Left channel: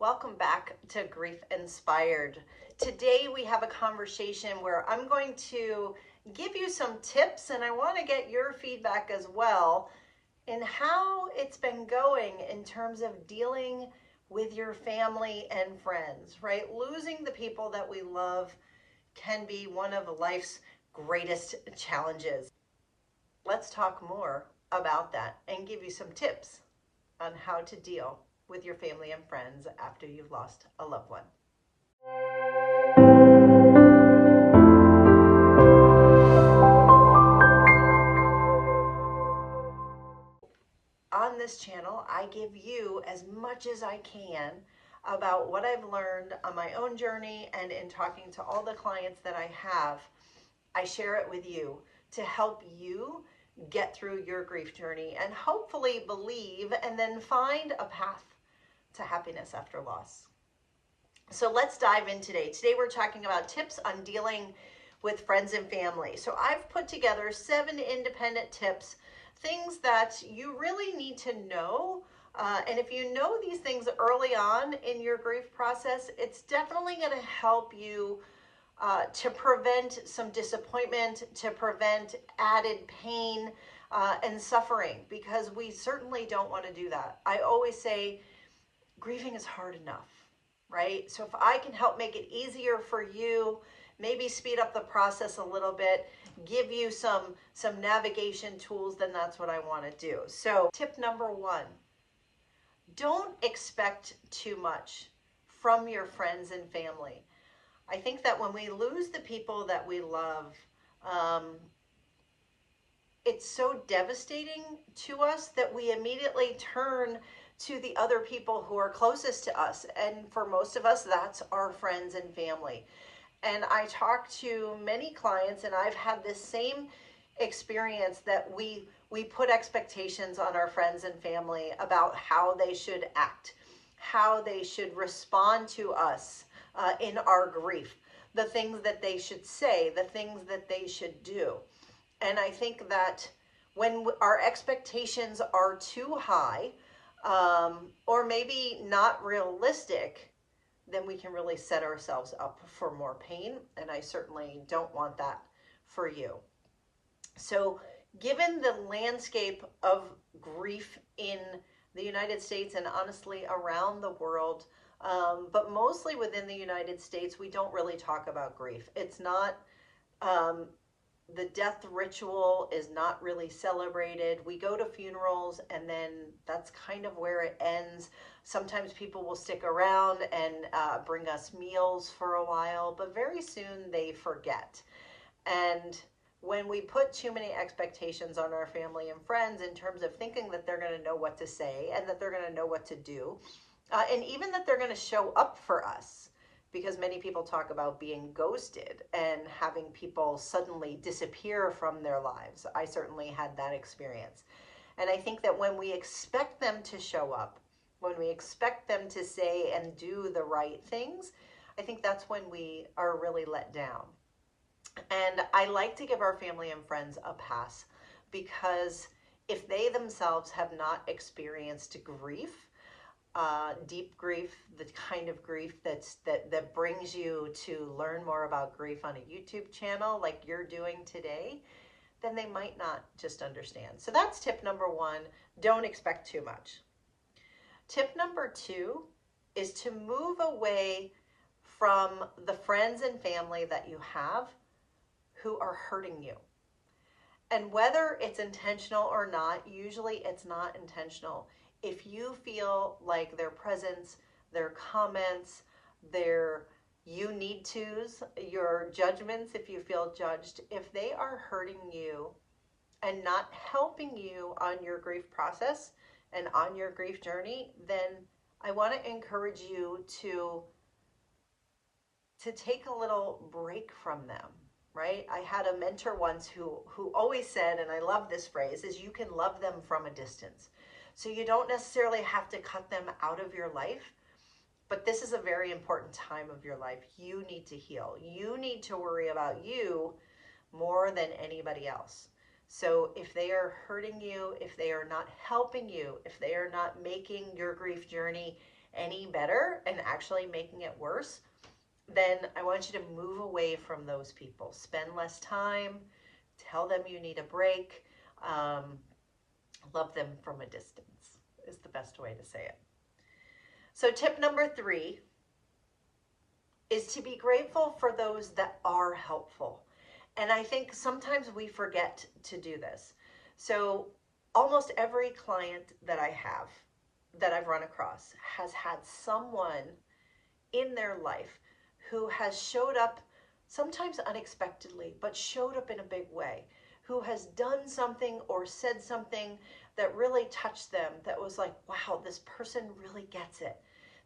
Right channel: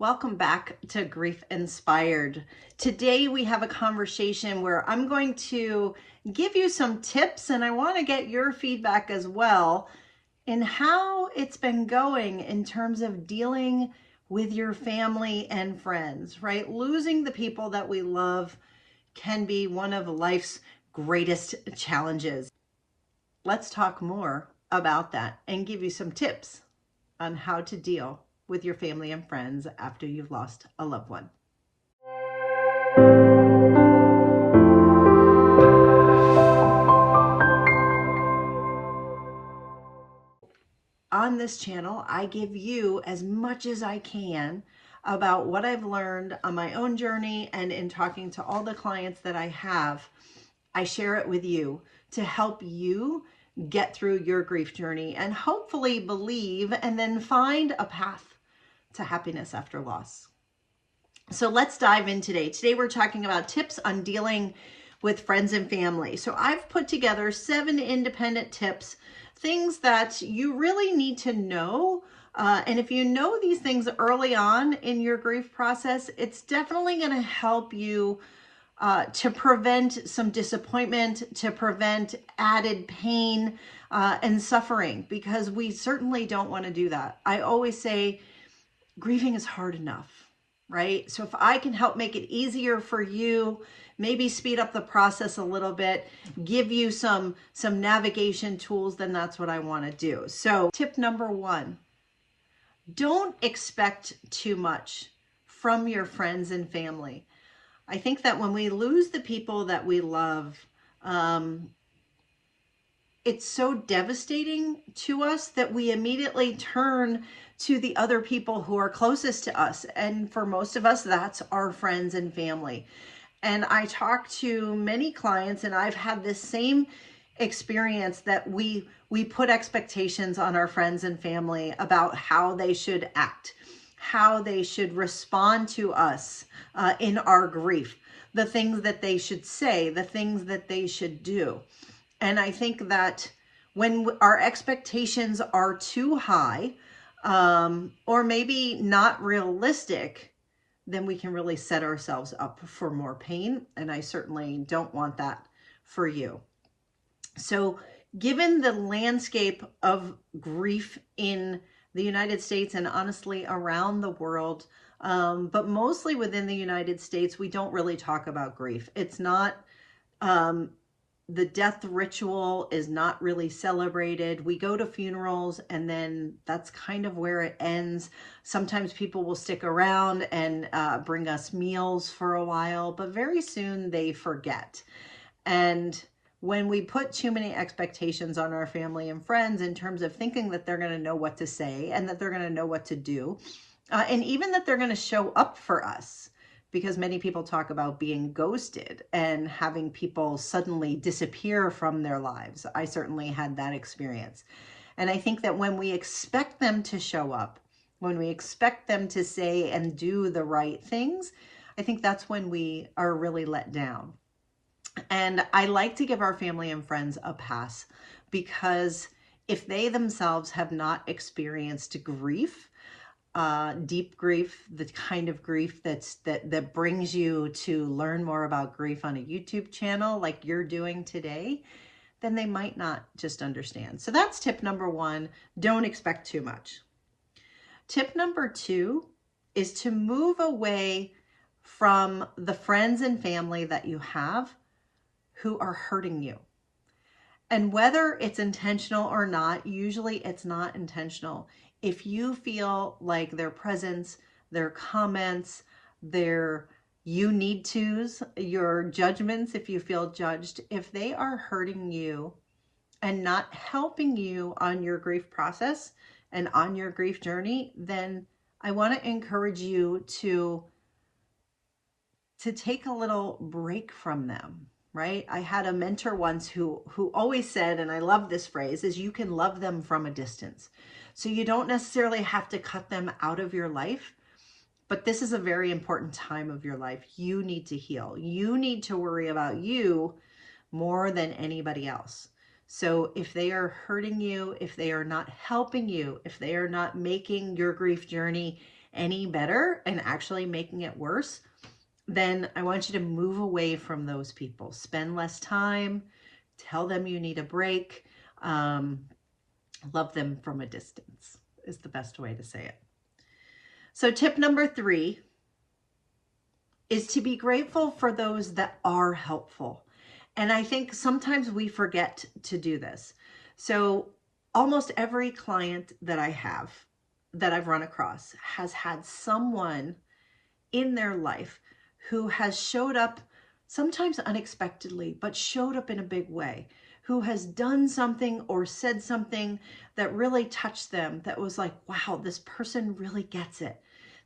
Welcome back to Grief Inspired. Today we have a conversation where I'm going to give you some tips, and I want to get your feedback as well in how it's been going in terms of dealing with your family and friends, right? Losing the people that we love can be one of life's greatest challenges. Let's talk more about that and give you some tips on how to deal with your family and friends after you've lost a loved one. On this channel, I give you as much as I can about what I've learned on my own journey, and in talking to all the clients that I have, I share it with you to help you get through your grief journey and hopefully believe and then find a path to happiness after loss. So let's dive in today. Today we're talking about tips on dealing with friends and family. So I've put together 7 independent tips, things that you really need to know. And if you know these things early on in your grief process, it's definitely going to help you to prevent some disappointment, to prevent added pain and suffering, because we certainly don't want to do that. I always say grieving is hard enough, right? So if I can help make it easier for you, maybe speed up the process a little bit, give you some navigation tools, then that's what I want to do. So tip number 1, don't expect too much from your friends and family. I think that when we lose the people that we love, it's so devastating to us that we immediately turn to the other people who are closest to us. And for most of us, that's our friends and family. And I talk to many clients, and I've had this same experience, that we put expectations on our friends and family about how they should act, how they should respond to us in our grief, the things that they should say, the things that they should do. And I think that when our expectations are too high, or maybe not realistic, then we can really set ourselves up for more pain. And I certainly don't want that for you. So given the landscape of grief in the United States, and honestly around the world, but mostly within the United States, we don't really talk about grief. It's not, the death ritual is not really celebrated. We go to funerals and then that's kind of where it ends. Sometimes people will stick around and bring us meals for a while, but very soon they forget. And when we put too many expectations on our family and friends in terms of thinking that they're going to know what to say and that they're going to know what to do, and even that they're going to show up for us, because many people talk about being ghosted and having people suddenly disappear from their lives. I certainly had that experience. And I think that when we expect them to show up, when we expect them to say and do the right things, I think that's when we are really let down. And I like to give our family and friends a pass, because if they themselves have not experienced grief, deep grief, the kind of grief that brings you to learn more about grief on a YouTube channel like you're doing today, then they might not just understand. So that's tip number 1. Don't expect too much. Tip number 2 is to move away from the friends and family that you have who are hurting you. And whether it's intentional or not, usually it's not intentional. If you feel like their presence, their comments, their you need tos, your judgments, if you feel judged, if they are hurting you and not helping you on your grief process and on your grief journey, then I want to encourage you to take a little break from them, right? I had a mentor once who always said, and I love this phrase, is you can love them from a distance. So you don't necessarily have to cut them out of your life, but this is a very important time of your life. You need to heal. You need to worry about you more than anybody else. So if they are hurting you, if they are not helping you, if they are not making your grief journey any better and actually making it worse, then I want you to move away from those people. Spend less time, tell them you need a break, love them from a distance is the best way to say it. So tip number 3 is to be grateful for those that are helpful. And I think sometimes we forget to do this. So almost every client that I have, that I've run across, has had someone in their life who has showed up, sometimes unexpectedly, but showed up in a big way, who has done something or said something that really touched them, that was like, wow, this person really gets it.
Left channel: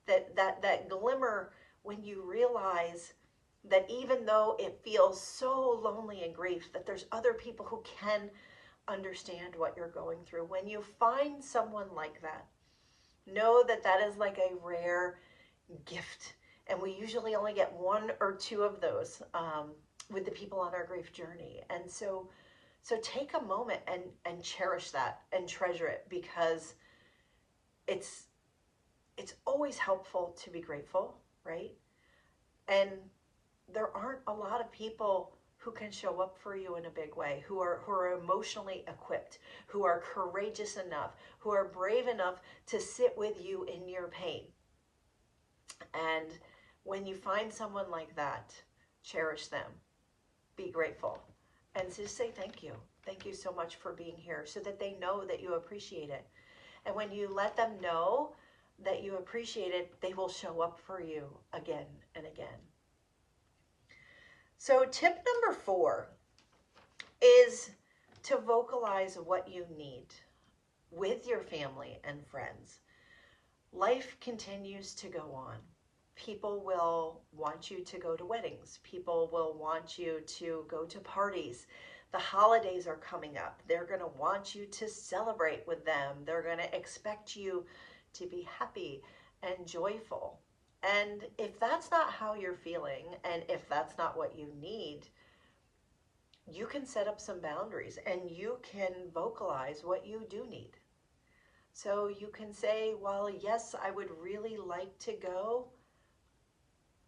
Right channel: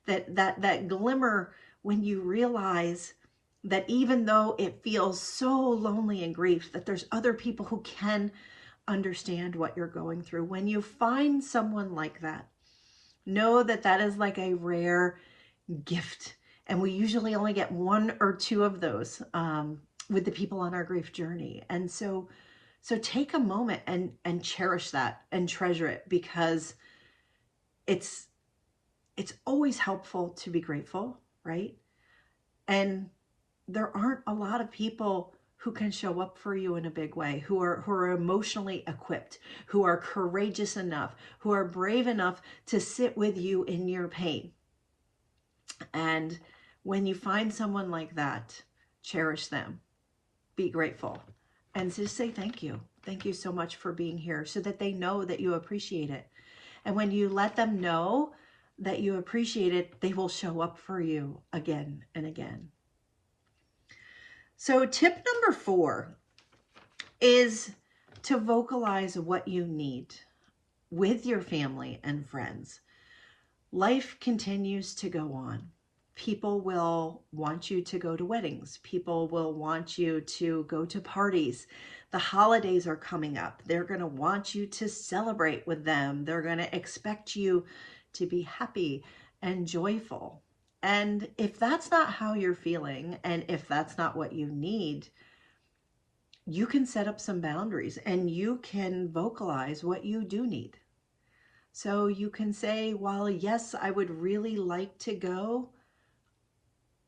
That glimmer when you realize that even though it feels so lonely and grief, that there's other people who can understand what you're going through. When you find someone like that, know that that is like a rare gift. And we usually only get 1 or 2 of those with the people on our grief journey. And so take a moment and cherish that and treasure it, because it's always helpful to be grateful, right? And there aren't a lot of people who can show up for you in a big way, who are emotionally equipped, who are courageous enough, who are brave enough to sit with you in your pain. And when you find someone like that, cherish them, be grateful, and just say thank you. Thank you so much for being here, so that they know that you appreciate it. And when you let them know that you appreciate it, they will show up for you again and again. So tip number 4 is to vocalize what you need with your family and friends. Life continues to go on. People will want you to go to weddings. People will want you to go to parties. The holidays are coming up. They're going to want you to celebrate with them. They're going to expect you to be happy and joyful. And if that's not how you're feeling, and if that's not what you need, you can set up some boundaries and you can vocalize what you do need. So you can say, well, yes, I would really like to go.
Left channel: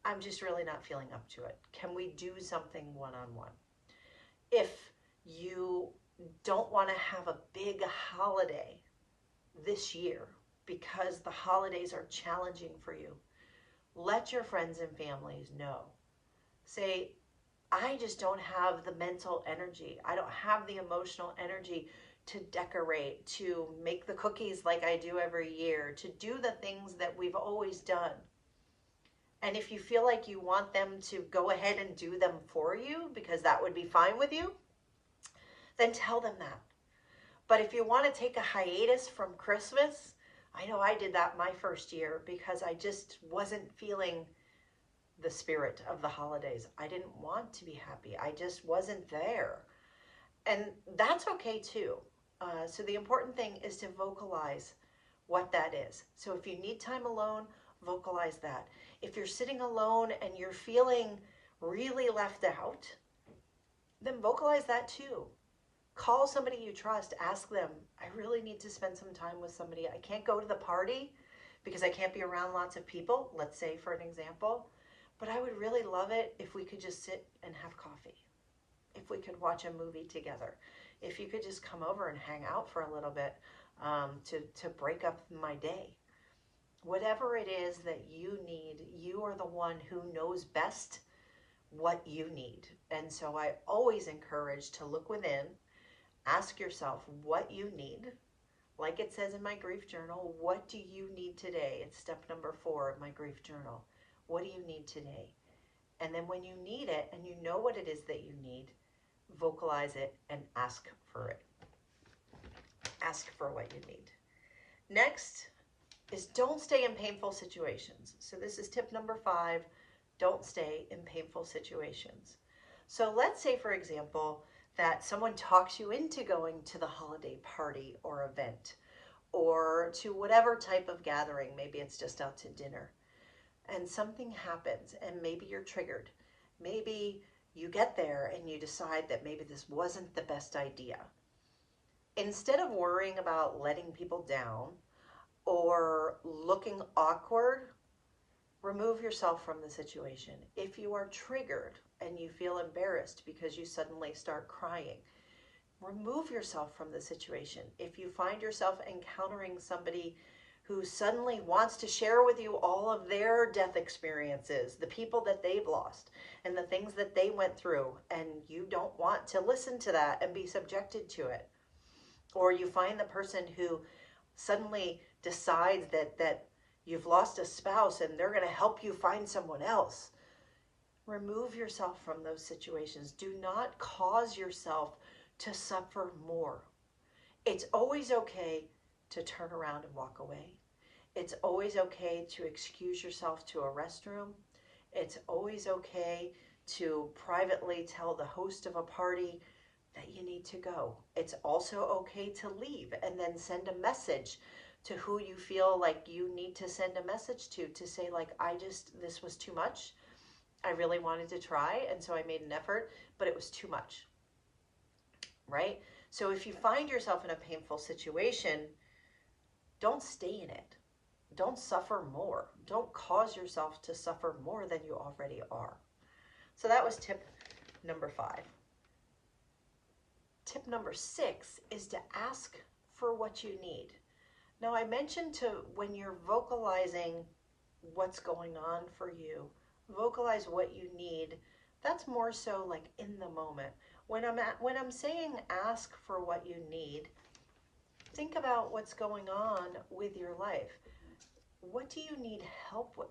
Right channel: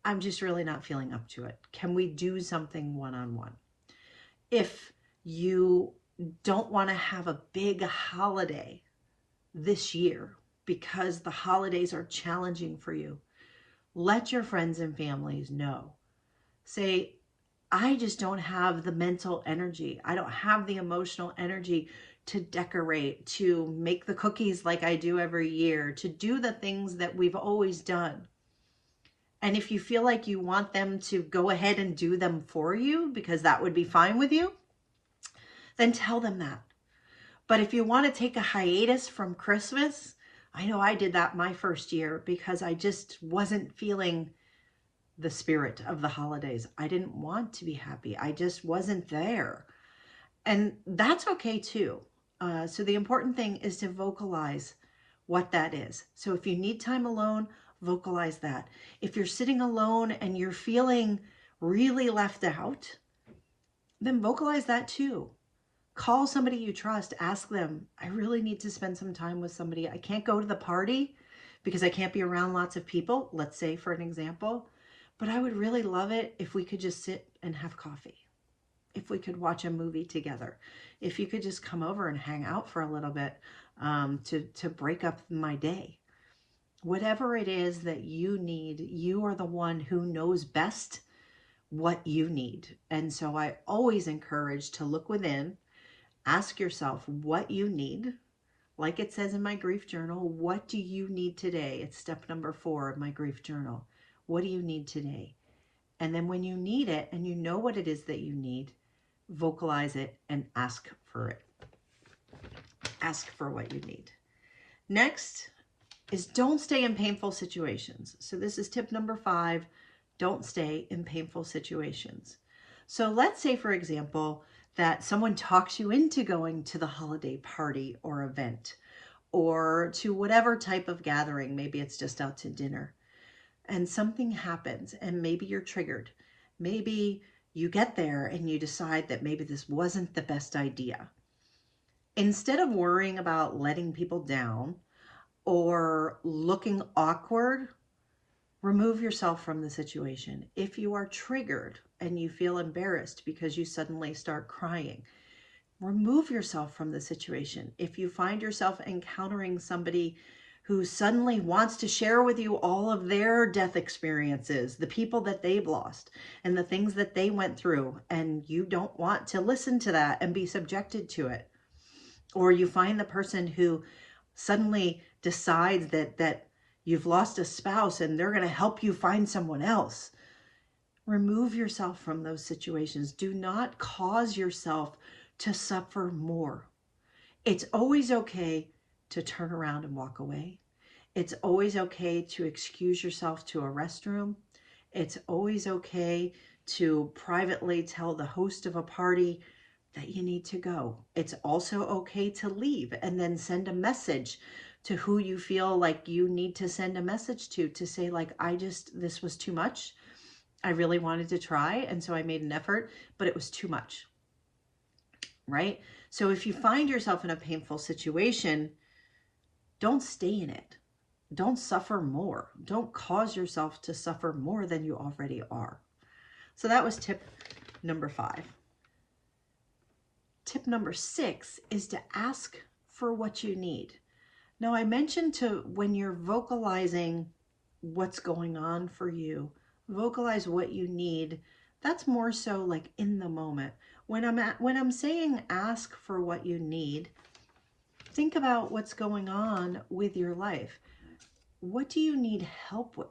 I'm just really not feeling up to it. Can we do something one-on-one? If you don't want to have a big holiday this year because the holidays are challenging for you, let your friends and families know. Say, I just don't have the mental energy. I don't have the emotional energy to decorate, to make the cookies like I do every year, to do the things that we've always done. And if you feel like you want them to go ahead and do them for you, because that would be fine with you, then tell them that. But if you want to take a hiatus from Christmas, I know I did that my first year because I just wasn't feeling the spirit of the holidays. I didn't want to be happy. I just wasn't there. And that's okay too. So the important thing is to vocalize what that is. So if you need time alone, vocalize that. If you're sitting alone and you're feeling really left out, then vocalize that too. Call somebody you trust. Ask them, I really need to spend some time with somebody. I can't go to the party because I can't be around lots of people, let's say for an example, but I would really love it if we could just sit and have coffee. If we could watch a movie together. If you could just come over and hang out for a little bit to break up my day. Whatever it is that you need, you are the one who knows best what you need. And so I always encourage to look within. Ask yourself what you need. Like it says in my grief journal, what do you need today? It's step number 4 of my grief journal. What do you need today? And then when you need it and you know what it is that you need, vocalize it and ask for it. Ask for what you need. Next is don't stay in painful situations. So this is tip number 5. Don't stay in painful situations. So let's say, for example, that someone talks you into going to the holiday party or event or to whatever type of gathering. Maybe it's just out to dinner and something happens and maybe you're triggered. Maybe you get there and you decide that maybe this wasn't the best idea. Instead of worrying about letting people down, or looking awkward, remove yourself from the situation. If you are triggered and you feel embarrassed because you suddenly start crying, remove yourself from the situation. If you find yourself encountering somebody who suddenly wants to share with you all of their death experiences, the people that they've lost and the things that they went through, and you don't want to listen to that and be subjected to it, or you find the person who suddenly decides that you've lost a spouse and they're going to help you find someone else, remove yourself from those situations. Do not cause yourself to suffer more. It's always okay to turn around and walk away. It's always okay to excuse yourself to a restroom. It's always okay to privately tell the host of a party that you need to go. It's also okay to leave and then send a message to who you feel like you need to send a message to say like, this was too much. I really wanted to try, and so I made an effort, but it was too much, right? So if you find yourself in a painful situation, don't stay in it. Don't suffer more. Don't cause yourself to suffer more than you already are. So that was tip number 5. Tip number 6 is to ask for what you need. Now, I mentioned when you're vocalizing what's going on for you, vocalize what you need. That's more so like in the moment. When I'm saying ask for what you need, think about what's going on with your life. What do you need help with?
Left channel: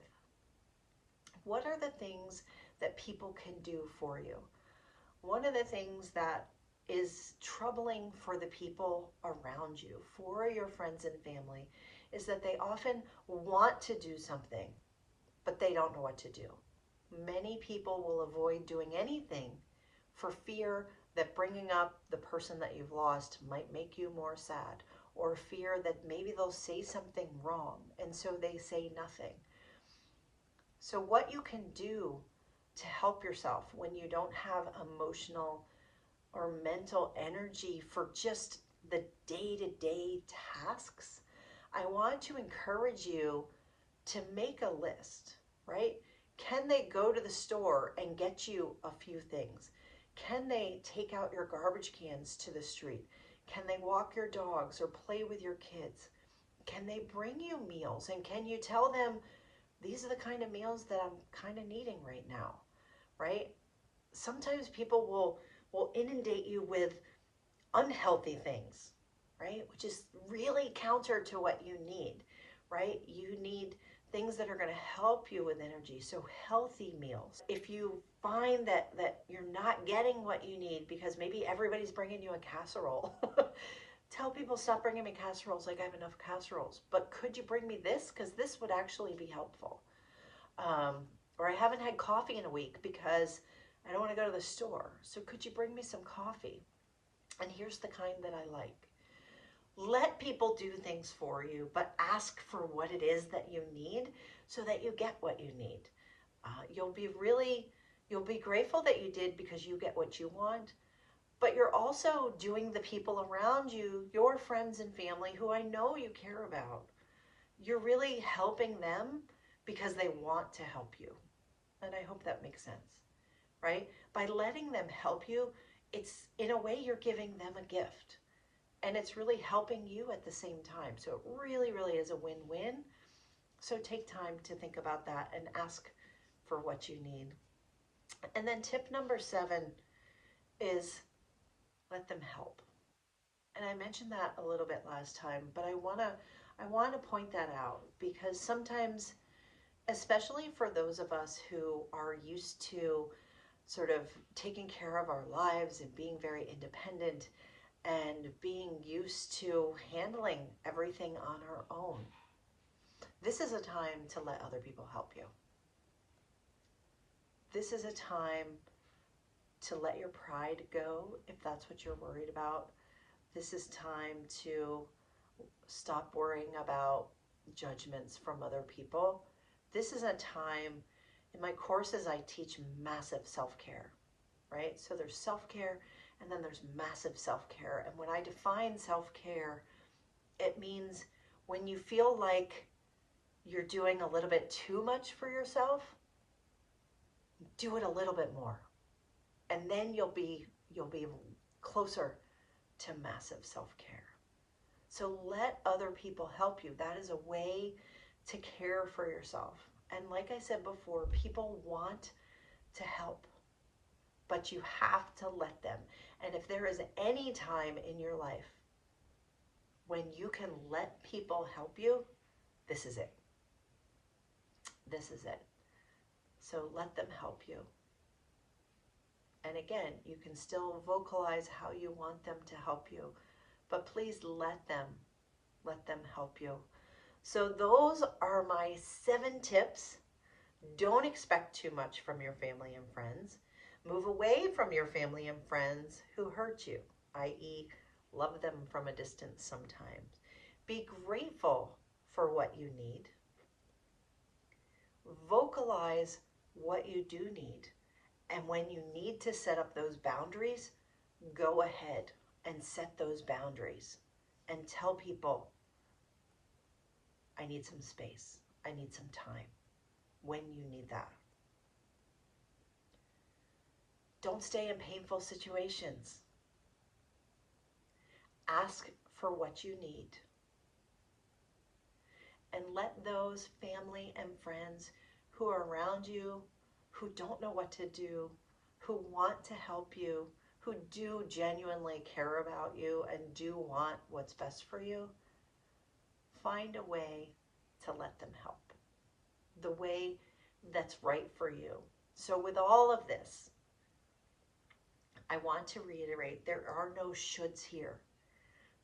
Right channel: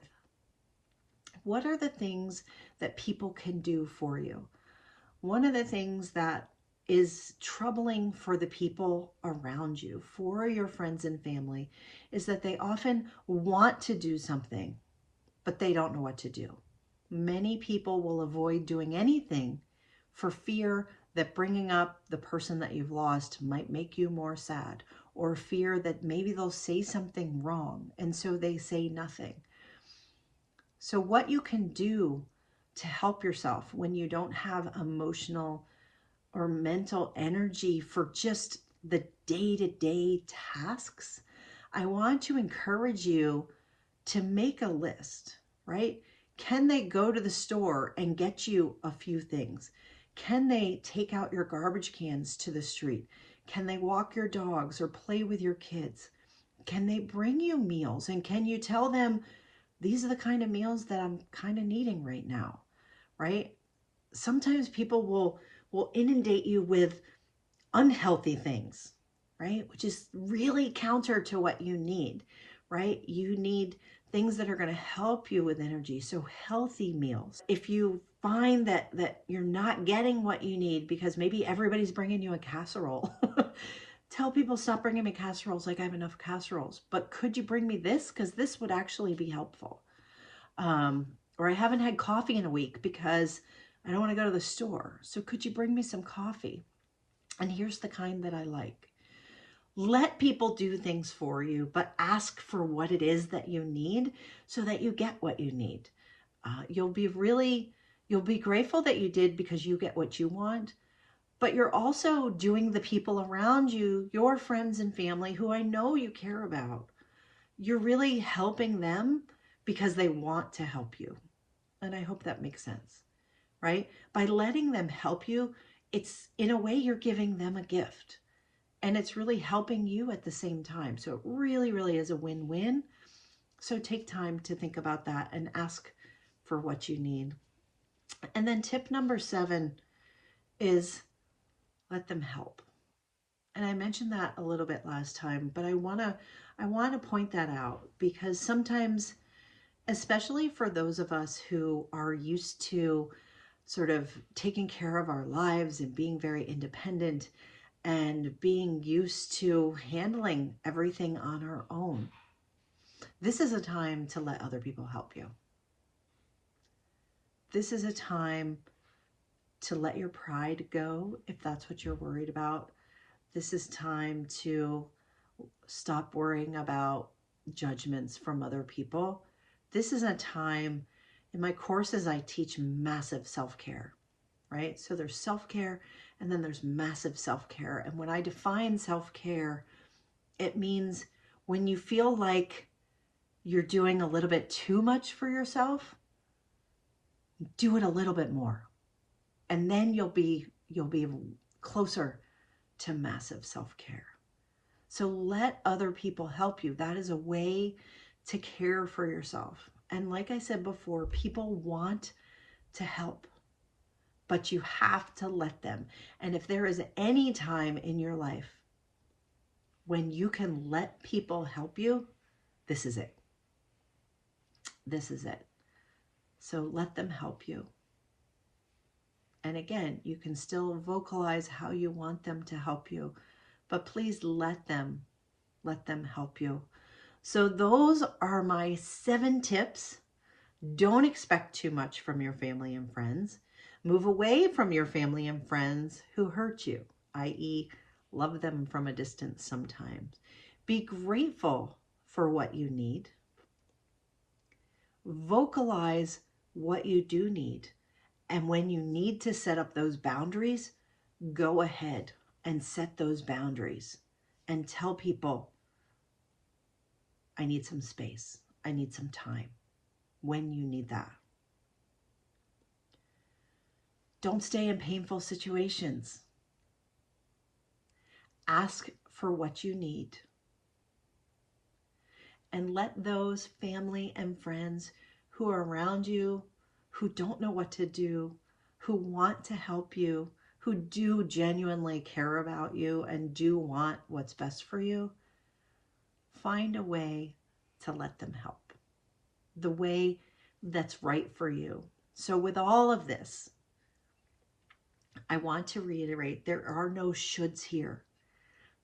What are the things that people can do for you? One of the things that is troubling for the people around you, for your friends and family, is that they often want to do something, but they don't know what to do. Many people will avoid doing anything for fear that bringing up the person that you've lost might make you more sad, or fear that maybe they'll say something wrong, and so they say nothing. So what you can do to help yourself when you don't have emotional or mental energy for just the day-to-day tasks, I want to encourage you to make a list, right? Can they go to the store and get you a few things? Can they take out your garbage cans to the street? Can they walk your dogs or play with your kids? Can they bring you meals? And can you tell them, these are the kind of meals that I'm kind of needing right now, right? Sometimes people will inundate you with unhealthy things, right? Which is really counter to what you need, right? You need things that are going to help you with energy. So healthy meals. If you find that you're not getting what you need because maybe everybody's bringing you a casserole, tell people, stop bringing me casseroles, like I have enough casseroles, but could you bring me this? Because this would actually be helpful. Or I haven't had coffee in a week because I don't want to go to the store. So could you bring me some coffee? And here's the kind that I like. Let people do things for you, but ask for what it is that you need so that you get what you need. You'll be grateful that you did because you get what you want, but you're also doing the people around you, your friends and family who I know you care about. You're really helping them because they want to help you. And I hope that makes sense, right? By letting them help you, it's in a way you're giving them a gift, and it's really helping you at the same time. So it really, really is a win-win. So take time to think about that and ask for what you need. And then tip number 7 is let them help. And I mentioned that a little bit last time, but I want to point that out because sometimes, especially for those of us who are used to sort of taking care of our lives and being very independent and being used to handling everything on our own, this is a time to let other people help you. This is a time to let your pride go if that's what you're worried about. This is time to stop worrying about judgments from other people. This is a time, in my courses, I teach massive self-care, right? So there's self-care and then there's massive self-care. And when I define self-care, it means When you feel like you're doing a little bit too much for yourself, do it a little bit more. And then you'll be closer to massive self-care. So let other people help you. That is a way to care for yourself. And like I said before, people want to help, but you have to let them. And if there is any time in your life when you can let people help you, this is it. This is it. So let them help you. And again, you can still vocalize how you want them to help you, but please let them help you. So those are my 7 tips. Don't expect too much from your family and friends. Move away from your family and friends who hurt you, i.e., love them from a distance sometimes. Be grateful for what you need. Vocalize what you do need. And when you need to set up those boundaries, go ahead and set those boundaries and tell people, I need some space. I need some time when you need that. Don't stay in painful situations. Ask for what you need. And let those family and friends who are around you, who don't know what to do, who want to help you, who do genuinely care about you and do want what's best for you, find a way to let them help, the way that's right for you. So with all of this, I want to reiterate, there are no shoulds here.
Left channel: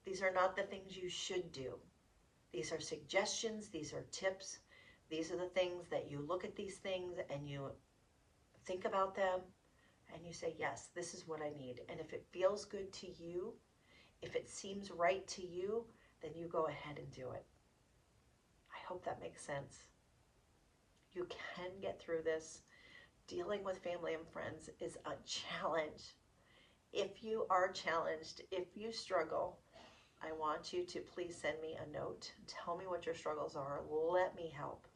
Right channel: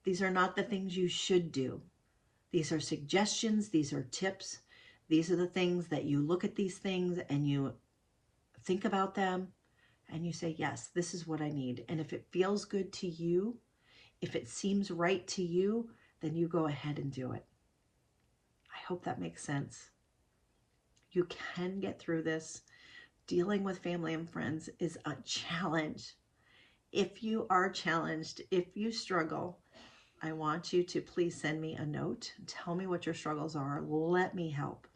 These are not the things you should do. These are suggestions. These are tips. These are the things that you look at these things and you think about them and you say, yes, this is what I need. And if it feels good to you, if it seems right to you, then you go ahead and do it. I hope that makes sense. You can get through this. Dealing with family and friends is a challenge. If you are challenged, if you struggle, I want you to please send me a note. Tell me what your struggles are. Let me help.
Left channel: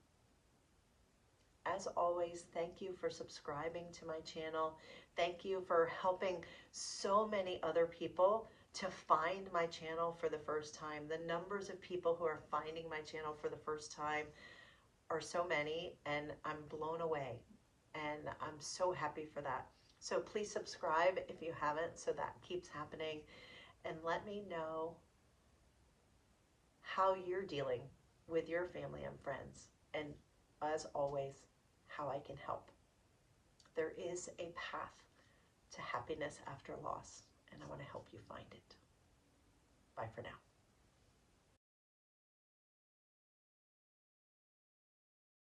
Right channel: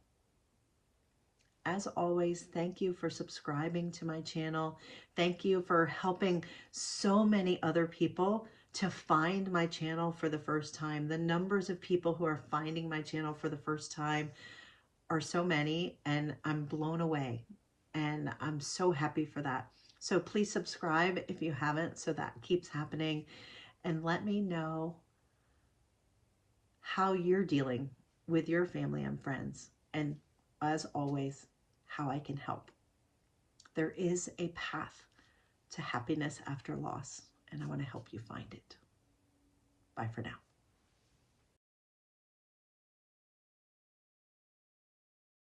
As always, thank you for subscribing to my channel. Thank you for helping so many other people to find my channel for the first time. The numbers of people who are finding my channel for the first time are so many, and I'm blown away. And I'm so happy for that. So please subscribe if you haven't, so that keeps happening. And let me know how you're dealing with your family and friends. And as always, how I can help. There is a path to happiness after loss, and I want to help you find it. Bye for now.